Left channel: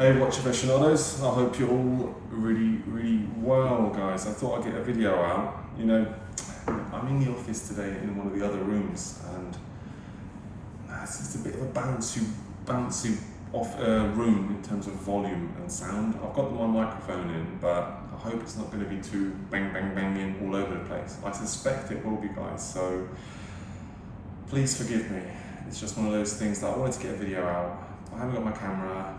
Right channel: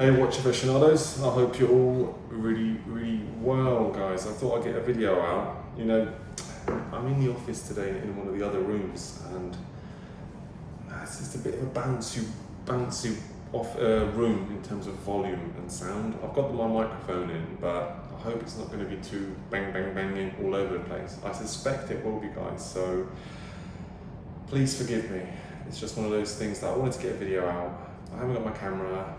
Hey watch aficionados, I hope you're all really well, guys. I thought I'd get a video out. You know, I'm in the office today in one of the other rooms, and it's just a bit of a bouncy off room in terms of volume and sound. I've got my microphone in, but I hope it's not going to be too banging all over the place. I suspect it will be, guys, so please forgive me. It's just one of those things that I wanted to get a video out. I haven't got my camera.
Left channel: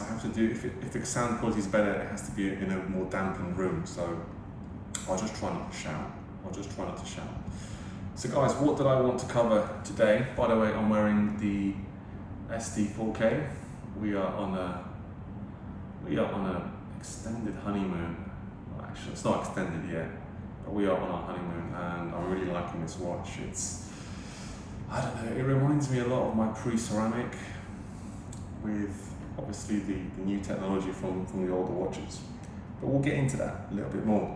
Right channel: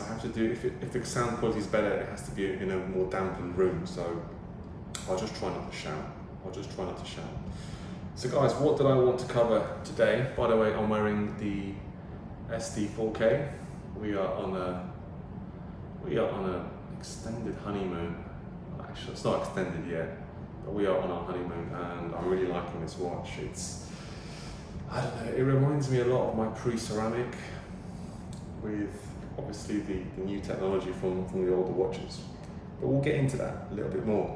I have to do, if the sound quality is better, it has to be in a more dampened room, so I'll just try not to shout. So guys, what did I want to cover today? By the way, I'm wearing the SD4K. We are on an extended honeymoon. Well, actually, it's not extended yet, but we are on our honeymoon, and I'm really liking this watch. I don't know, it reminds me a lot of my pre-ceramic with obviously the new technology from the older watches. But we'll get into that a little bit more.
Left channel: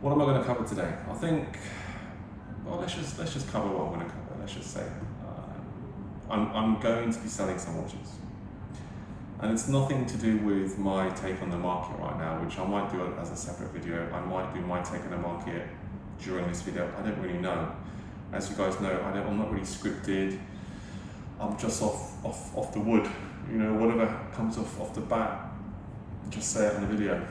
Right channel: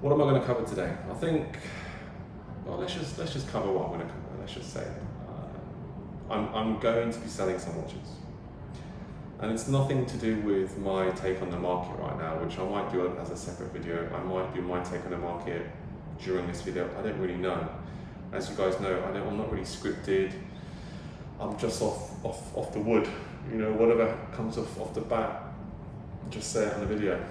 What am I going to cover today? I think, well, let's just cover what I'm going to cover. Let's just say I'm going to be selling some watches, and it's nothing to do with my take on the market right now, which I might do as a separate video. I might do my take on the market during this video. I don't really know. As you guys know, I'm not really scripted. I'm just off the wood. You know, whatever comes off the bat, just say it in the video.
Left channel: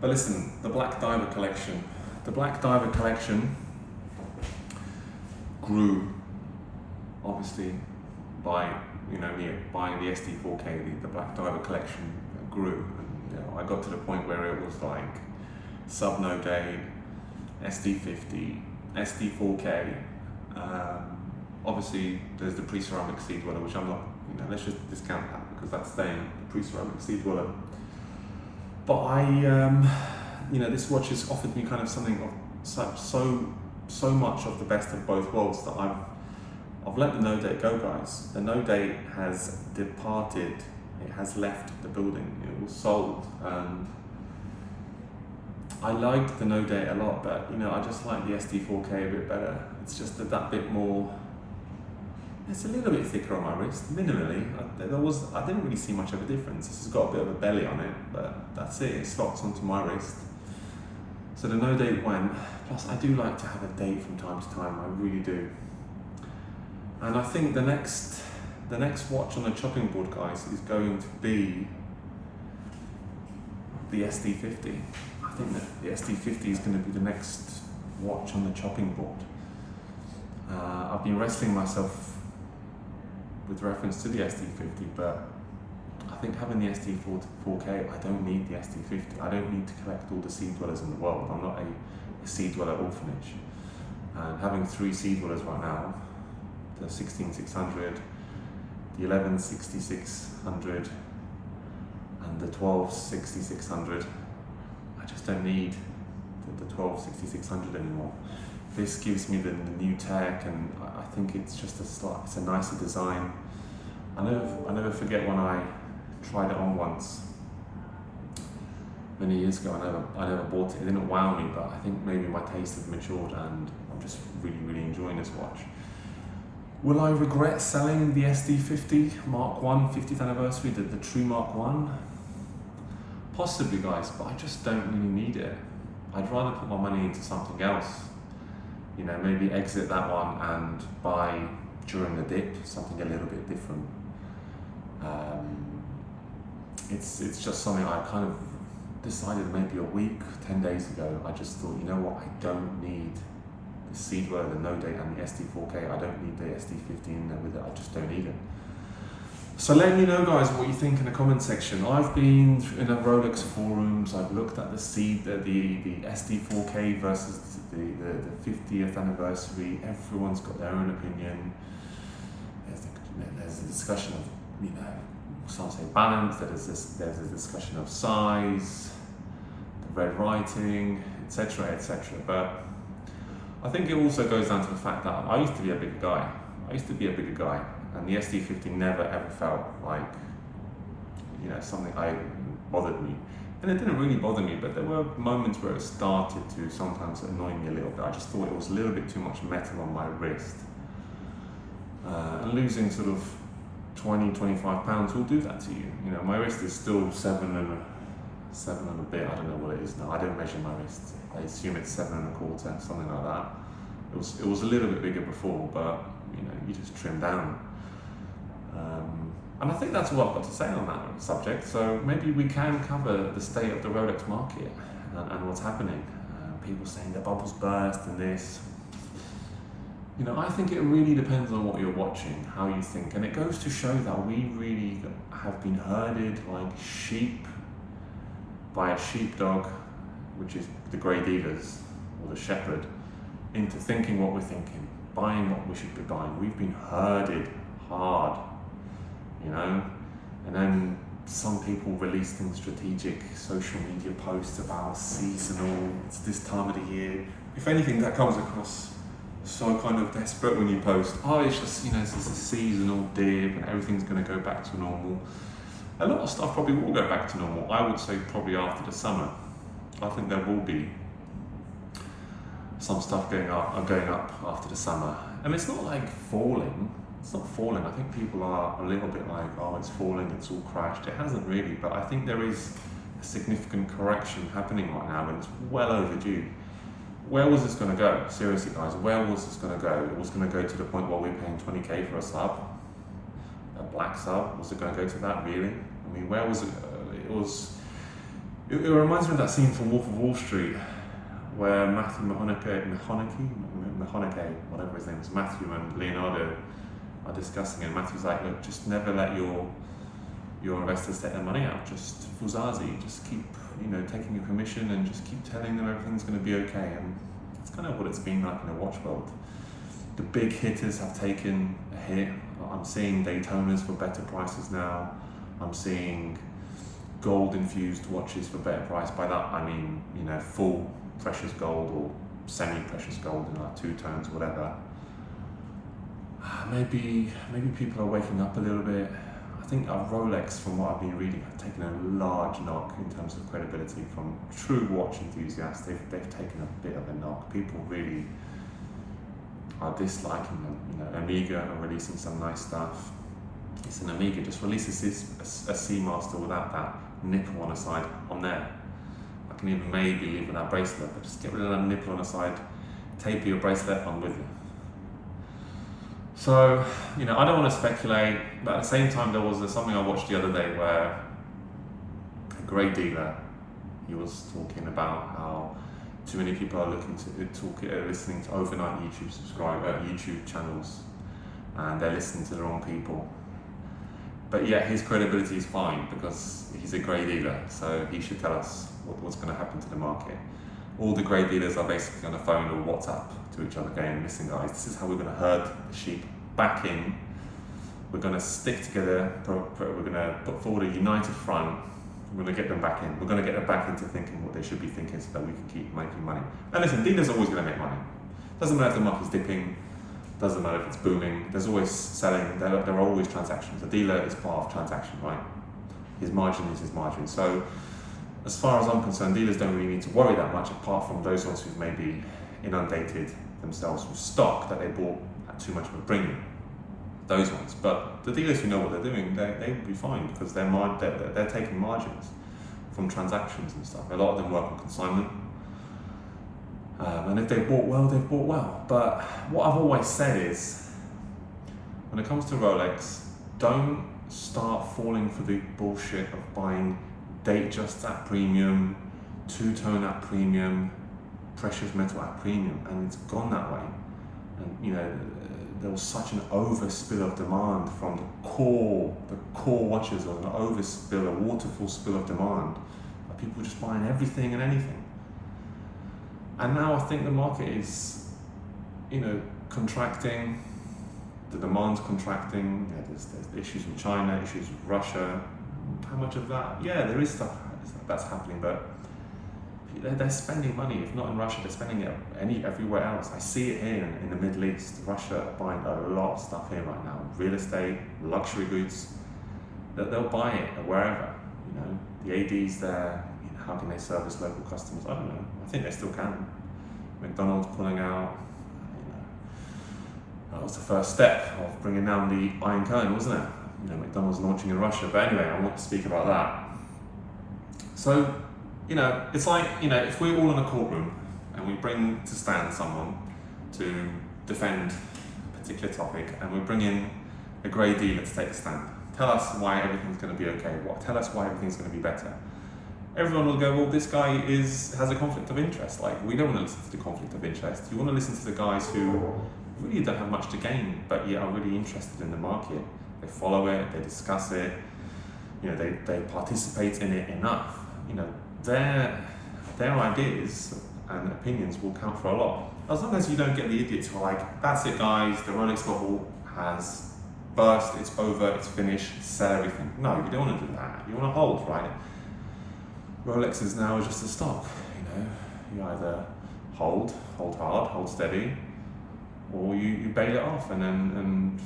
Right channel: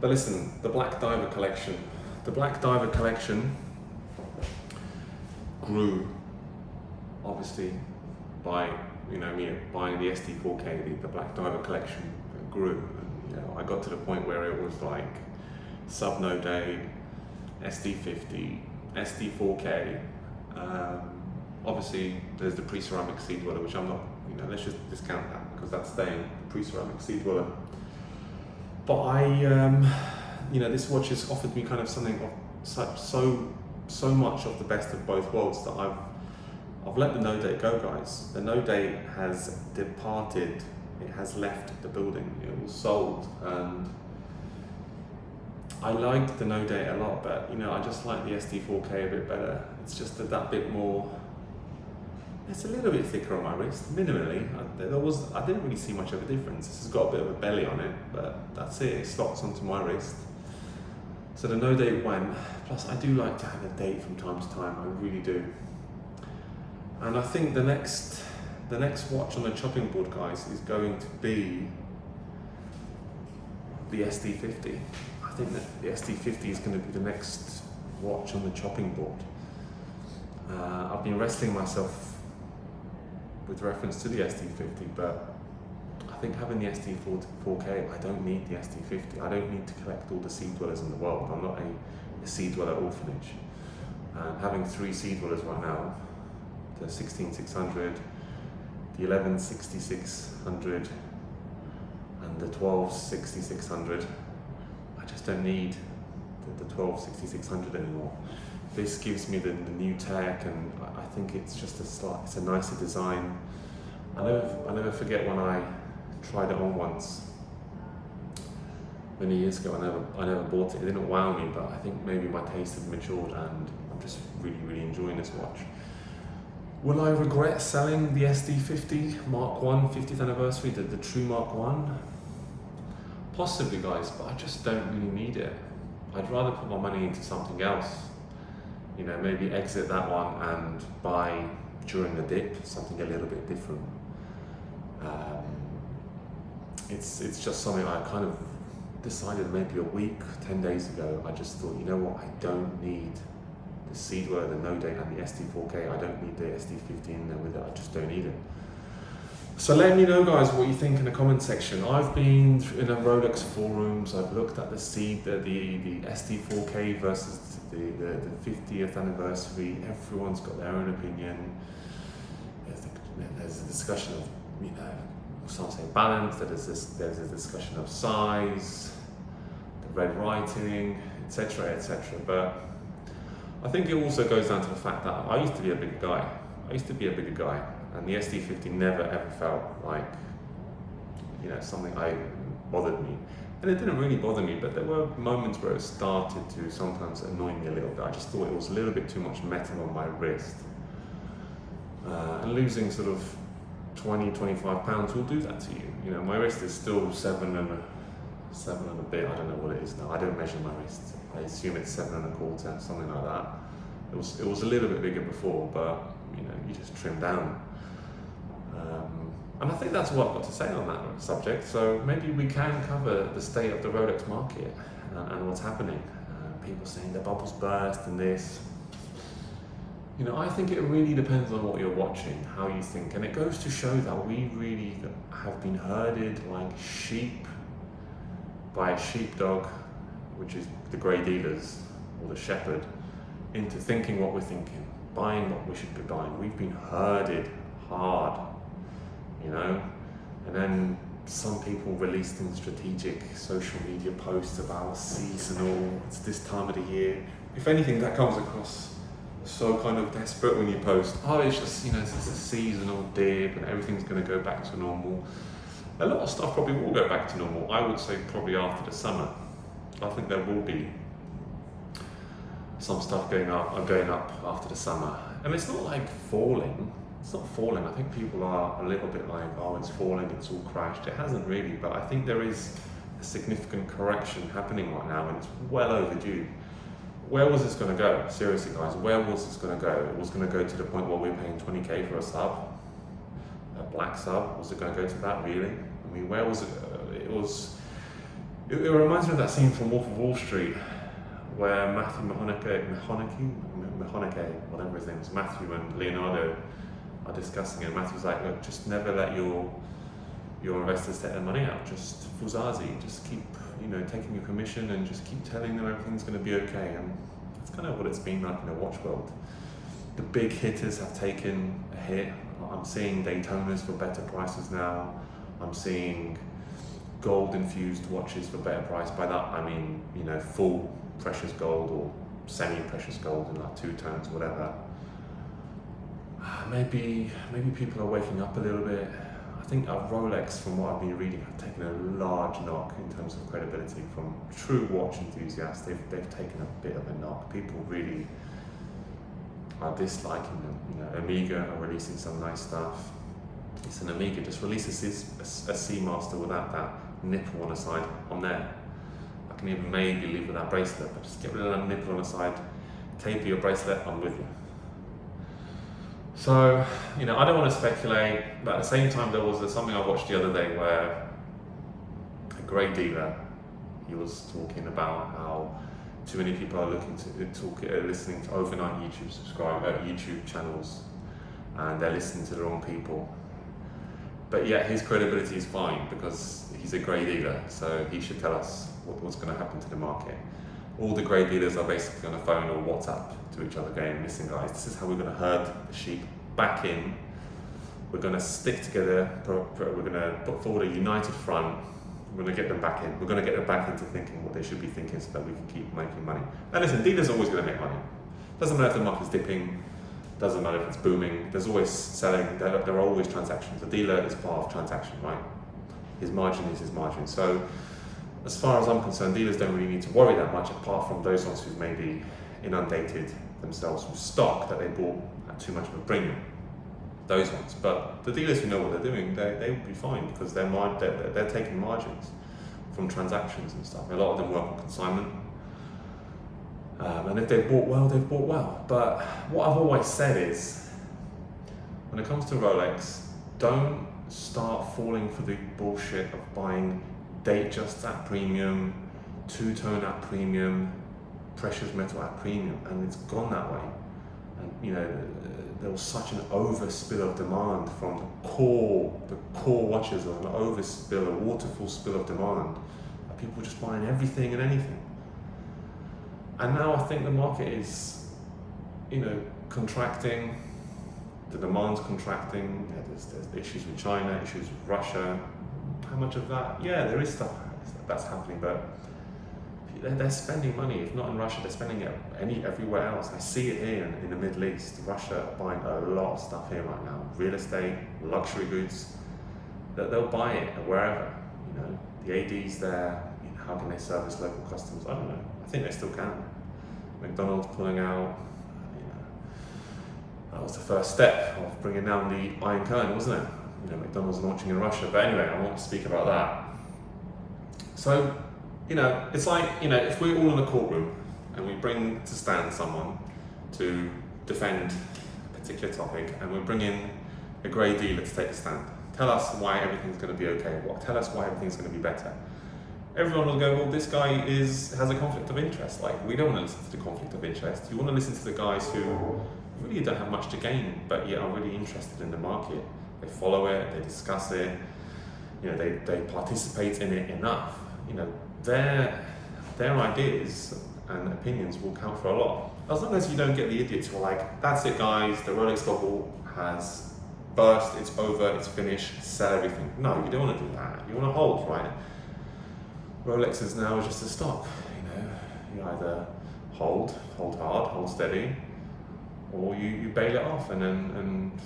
But listen, the Black Diver collection. The Black Diver collection grew, obviously, by me buying the SD4K. The Black Diver collection grew. And, I got to the point where it was like Sub Day, SD50, SD4K. Obviously, there's the pre-ceramic sea dweller, which I'm not, let's just discount that because that's staying, the pre-ceramic sea dweller. But this watch has offered me kind of something of so much of the best of both worlds that I've let the no date go, guys. The no date has departed. It has left the building. It was sold, and I like the no date a lot, but I just like the SD4K a bit better. It's just that bit more. It's a little bit thicker on my wrist, minimally. I didn't really see much of a difference. This has got a bit of a belly on it, but that's it. It slots onto my wrist. So the no date went. Plus, I do like to have a date from time to time. I really do. And I think the next watch on the chopping board, guys, is going to be the SD50. I think that the SD50 is going to be the next watch on the chopping board. I've been wrestling myself with reference to the SD50, but I think having the SD4K, I don't need the SD50. I don't need to collect all the sea dwellers in the world. I'm not a sea dweller orphanage. And having 3 sea dwellers right now, the 16600, the 116600, and the 126600, I just don't need the 126600 anymore. This gives me the new tech, and I think it's just it's a nicer design. I never forget when I tried it on once many years ago. I never bought it. It didn't wow me, but I think maybe my taste has matured, and I'm just really enjoying this watch. Will I regret selling the SD50 Mark 1 50th anniversary, the true Mark 1? Possibly, guys, but I just don't really need it. I'd rather put my money into something else. Maybe exit that one and buy during the dip something a little bit different. It's just something I kind of decided maybe a week, 10 days ago. I just thought, you know what, I don't need the sea dweller, the no date, and the SD4K. I don't need the SD50 in there with it. I just don't need it. So let me know, guys, what you think in the comment section. I've been in a Rolex forums. I've looked at the SD4K versus the 50th anniversary. Everyone's got their own opinion. There's a discussion of, some say balance. There's a discussion of size, the red writing, etc., etc. But I think it also goes down to the fact that I used to be a bigger guy. And the SD50 never ever felt like, something bothered me. And it didn't really bother me, but there were moments where it started to sometimes annoy me a little bit. I just thought it was a little bit too much metal on my wrist. And losing sort of £20-25 will do that to you. You know, my wrist is still seven and a bit. I don't know what it is now. I don't measure my wrist. I assume it's 7.25, something like that. It was a little bit bigger before, but you know, you just trim down. And I think that's all I've got to say on that subject. So maybe we can cover the state of the Rolex market and what's happening. People saying the bubble's burst and this. You know, I think it really depends on what you're watching, how you think. And it goes to show that we really have been herded like sheep by a sheepdog, which is the grey dealers or the shepherd, into thinking what we're thinking, buying what we should be buying. We've been herded hard, you know, and then some people release things, strategic social media posts about seasonal, it's this time of the year. If anything, that comes across so kind of desperate when you post, oh, it's just, you know, it's a seasonal dip and everything's going to go back to normal. A lot of stuff probably will go back to normal. I would say probably after the summer. I think there will be some stuff going up after the summer. And it's not like falling. It's not falling. I think people are a little bit like, oh, it's falling, it's all crashed. It hasn't really, but I think there is a significant correction happening right now and it's well overdue. Where was this going to go? Seriously, guys, where was this going to go? It was going to go to the point where we're paying 20k for a sub, a black sub. Was it going to go to that, really? I mean, where was it? It reminds me of that scene from Wolf of Wall Street, where Matthew McConaughey, whatever his name is, Matthew and Leonardo are discussing it. And Matthew's like, look, just never let your investors take their money out. Just fuzazi, just keep, you know, taking your commission and just keep telling them everything's going to be okay. And that's kind of what it's been like in the watch world. The big hitters have taken a hit. I'm seeing Daytonas for better prices now. I'm seeing gold infused watches for better price. By that I mean, you know, full precious gold or semi-precious gold in like 2 tones, whatever. Maybe people are waking up a little bit. I think Rolex, from what I've been reading, have taken a large knock in terms of credibility from true watch enthusiasts. They've taken a bit of a knock. People really are disliking them. You know, Omega are releasing some nice stuff. It's an Omega, just releases a Seamaster without that nipple on the side on there. I can even maybe leave with that bracelet, but just get rid of that nipple on the side, taper your bracelet, I'm with you. So, you know, I don't want to speculate, but at the same time, there was something I watched the other day where a grey dealer, he was talking about how too many people are listening to overnight YouTube channels, and they're listening to the wrong people. But yet his credibility is fine because he's a grey dealer, so he should tell us what's going to happen to the market. All the grey dealers are basically on the phone or WhatsApp to each other going, listen guys, this is how we're going to herd the sheep back in. We're going to stick together, we're going to put forward a united front, we're going to get them back in. We're going to get them back into thinking what they should be thinking so that we can keep making money. Now listen, dealers are always going to make money. Doesn't matter if the market's dipping, doesn't matter if it's booming, there's always selling, there are always transactions. A dealer is part of transaction, right? His margin is his margin. So as far as I'm concerned, dealers don't really need to worry that much, apart from those ones who've maybe inundated themselves with stock that they bought at too much of a premium. Those ones. But the dealers who know what they're doing, they will be fine because they're taking margins from transactions and stuff. A lot of them work on consignment. And if they've bought well, they've bought well. But what I've always said is, when it comes to Rolex, don't start falling for the bullshit of buying Datejust at premium, two-tone at premium, precious metal at premium, and it's gone that way. And you know, there was such an overspill of demand from the core watches. There was an overspill, a waterfall spill of demand. People were just buying everything and anything. And now I think the market is, you know, contracting. The demand's contracting. Yeah, there's issues with China, issues with Russia. How much of that? Yeah, there is stuff that's happening, but they're spending money. If not in Russia, they're spending it everywhere else. I see it here in the Middle East. Russia are buying a lot of stuff here right now. Real estate, luxury goods. They'll buy it wherever. You know, the AD's there. You know, how can they service local customers? I don't know. I think they still can. McDonald's pulling out. You know, that was the first step of bringing down the Iron Curtain, wasn't it? McDonald's launching in Russia. But anyway, I want to speak about that. So, it's like, if we're all in a courtroom and we bring to stand someone to defend a particular topic, and we bring in a grey dealer to take a stand, tell us why everything's going to be okay, tell us why everything's going to be better. Everyone will go, well, this guy has a conflict of interest. Like, we don't want to listen to the conflict of interest. You want to listen to the guys who really don't have much to gain, but yet are really interested in the market. They follow it, they discuss it, they participate in it enough. Their ideas and opinions will count for a lot. As long as you don't get the idiots who are like, that's it guys, the Rolex bubble has burst, it's over, it's finished, sell everything. No, you don't want to do that. You want to hold, right? Rolex is now just a stock, You either hold hard, hold steady, or you bail it off, and then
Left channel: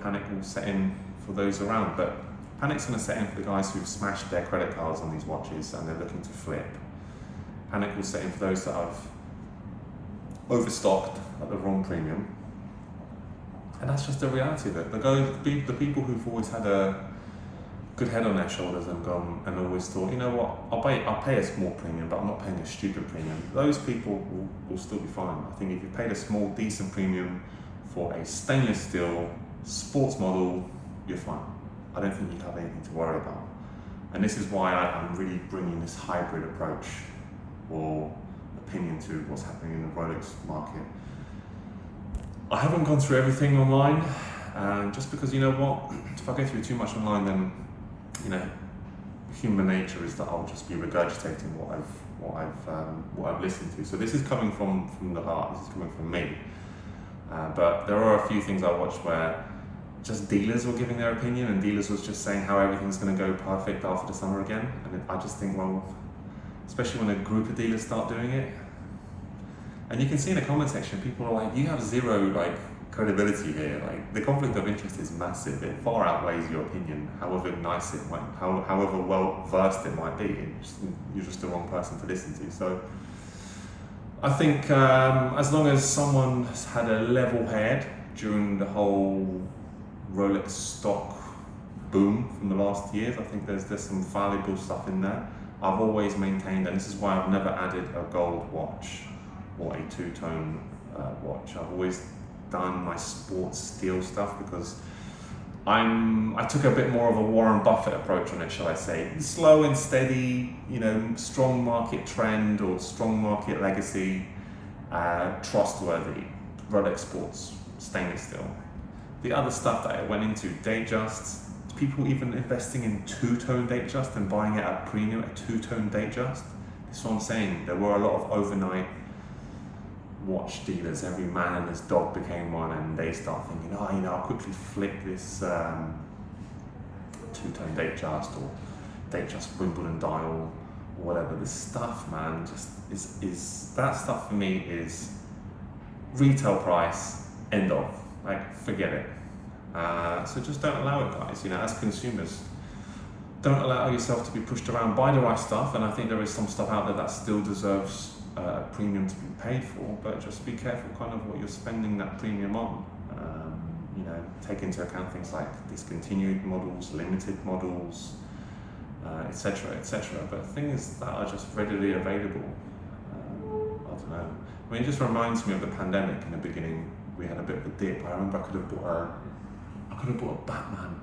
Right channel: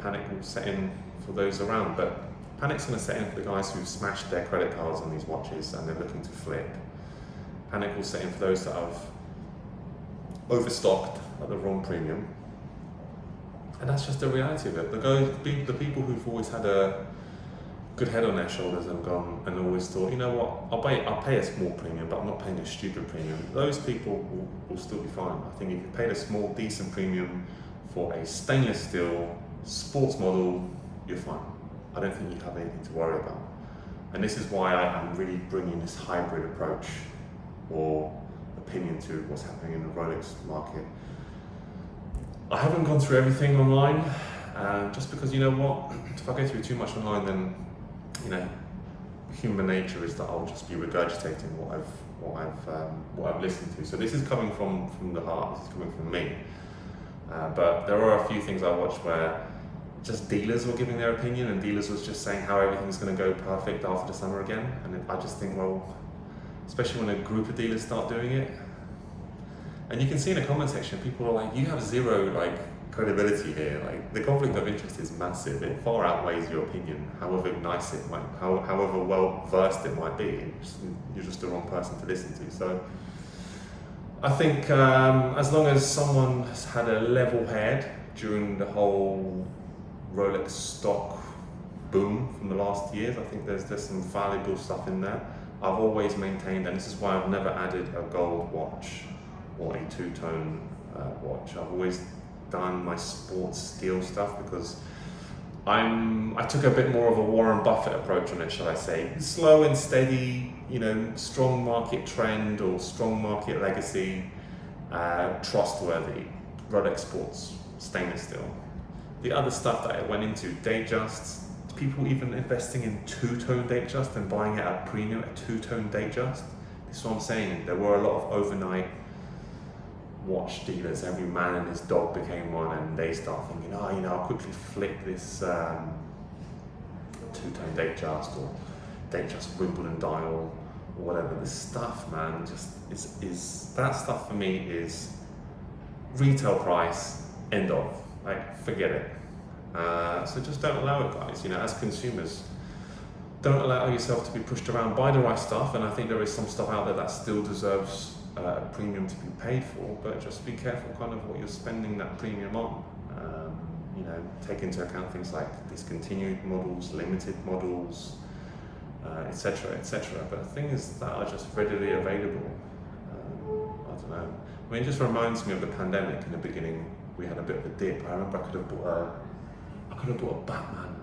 panic will set in for those around. But panic's going to set in for the guys who've smashed their credit cards on these watches and they're looking to flip. Panic will set in for those that have overstocked at the wrong premium. And that's just the reality of it. The people who've always had a good head on their shoulders and gone and always thought, I'll pay a small premium, but I'm not paying a stupid premium. Those people will still be fine. I think if you paid a small, decent premium for a stainless steel sports model, you're fine. I don't think you have anything to worry about. And this is why I'm really bringing this hybrid approach or opinion to what's happening in the Rolex market. I haven't gone through everything online, just because if I go through too much online, then human nature is that I'll just be regurgitating what I've listened to. So this is coming from the heart. This is coming from me. But there are a few things I watched where just dealers were giving their opinion, and dealers was just saying how everything's going to go perfect after the summer again. And I just think, well, especially when a group of dealers start doing it, and you can see in the comment section, people are like, you have zero credibility here. Like, the conflict of interest is massive. It far outweighs your opinion, however nice it might, however well versed it might be. You're just the wrong person to listen to. So I think as long as someone has had a level head during the whole Rolex stock boom from the last years, I think there's some valuable stuff in there. I've always maintained, and this is why I've never added a gold watch or a two-tone watch. I've always done my sports steel stuff because I took a bit more of a Warren Buffett approach on it, shall I say. Slow and steady, strong market trend or strong market legacy, trustworthy, Rolex Sports, stainless steel. The other stuff that I went into, Datejusts, people even investing in two-tone Datejust and buying it at a premium, a two-tone Datejust. That's what I'm saying. There were a lot of overnight watch dealers. Every man and his dog became one, and they start thinking, I'll quickly flick this two-tone Datejust or Datejust Wimbledon dial or whatever. This stuff, man, just is that stuff for me is retail price, end of. Forget it. So just don't allow it, guys. As consumers, don't allow yourself to be pushed around. Buy the right stuff, and I think there is some stuff out there that still deserves a premium to be paid for, but just be careful kind of what you're spending that premium on. Take into account things like discontinued models, limited models, etc., etc. But things that are just readily available, I don't know. I mean, it just reminds me of the pandemic. In the beginning, we had a bit of a dip. I remember I could have bought a Batman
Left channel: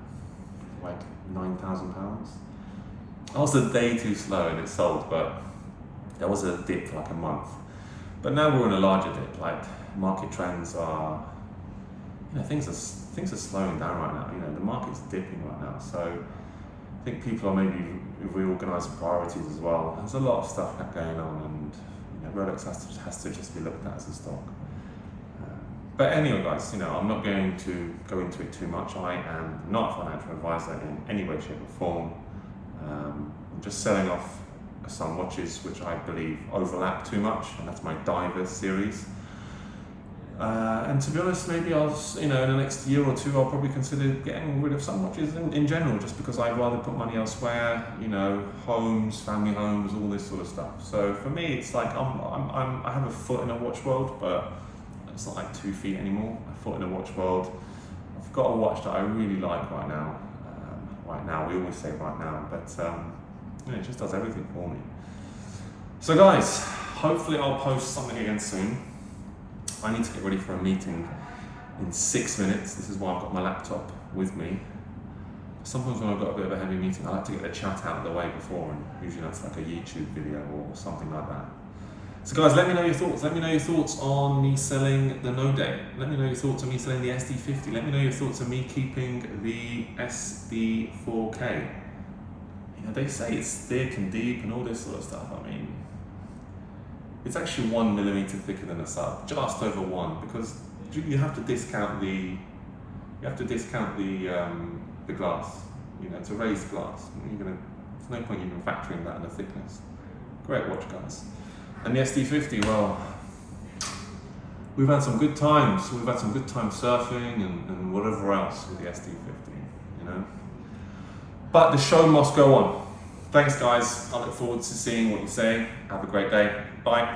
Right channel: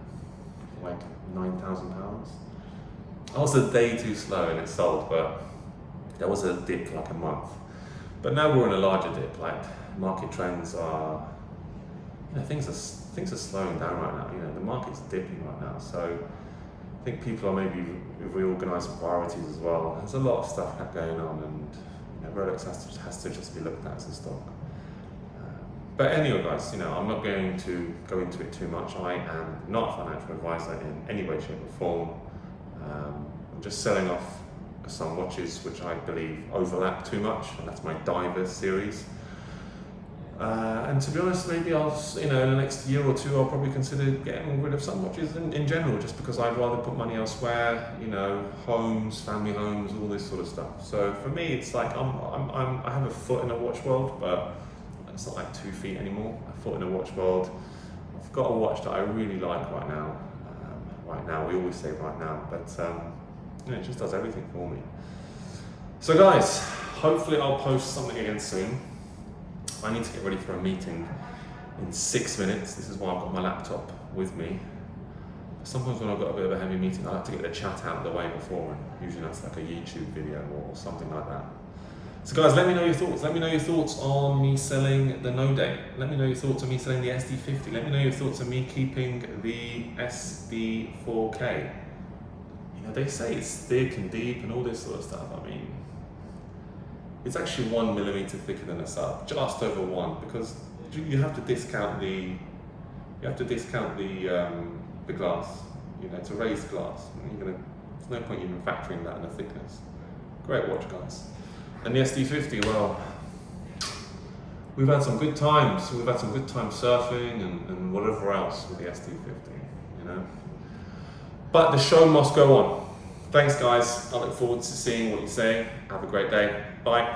for like £9,000. I was a day too slow and it sold, but there was a dip for like a month. But now we're in a larger dip. Like, market trends are, things are slowing down right now. The market's dipping right now. So I think people are maybe reorganising priorities as well. There's a lot of stuff going on, and Rolex has to just be looked at as a stock. But anyway, guys, I'm not going to go into it too much. I am not a financial advisor in any way, shape, or form. I'm just selling off some watches which I believe overlap too much, and that's my Divers series. And to be honest, maybe I'll, in the next year or two, I'll probably consider getting rid of some watches in general, just because I'd rather put money elsewhere. Homes, family homes, all this sort of stuff. So for me, it's like I have a foot in a watch world, but it's not like 2 feet anymore. A foot in a watch world. I've got a watch that I really like right now. We always say right now, but it just does everything for me. So guys, hopefully I'll post something again soon. I need to get ready for a meeting in 6 minutes. This is why I've got my laptop with me. Sometimes when I've got a bit of a heavy meeting, I like to get the chat out of the way before, and usually that's like a YouTube video or something like that. So guys, let me know your thoughts. Let me know your thoughts on me selling the No Date. Let me know your thoughts on me selling the SD50. Let me know your thoughts on me keeping the SD4K. You know, they say it's thick and deep and all this sort of stuff. I mean, it's actually 1 millimeter thicker than a sub, just over 1, because you have to discount the glass. You know, it's a raised glass. There's no point even factoring that in the thickness. Great watch, guys. And the SD50, well, we've had some good times. We've had some good times surfing and whatever else with the SD50, you know. But the show must go on. Thanks, guys. I look forward to seeing what you say. Have a great day. Bye.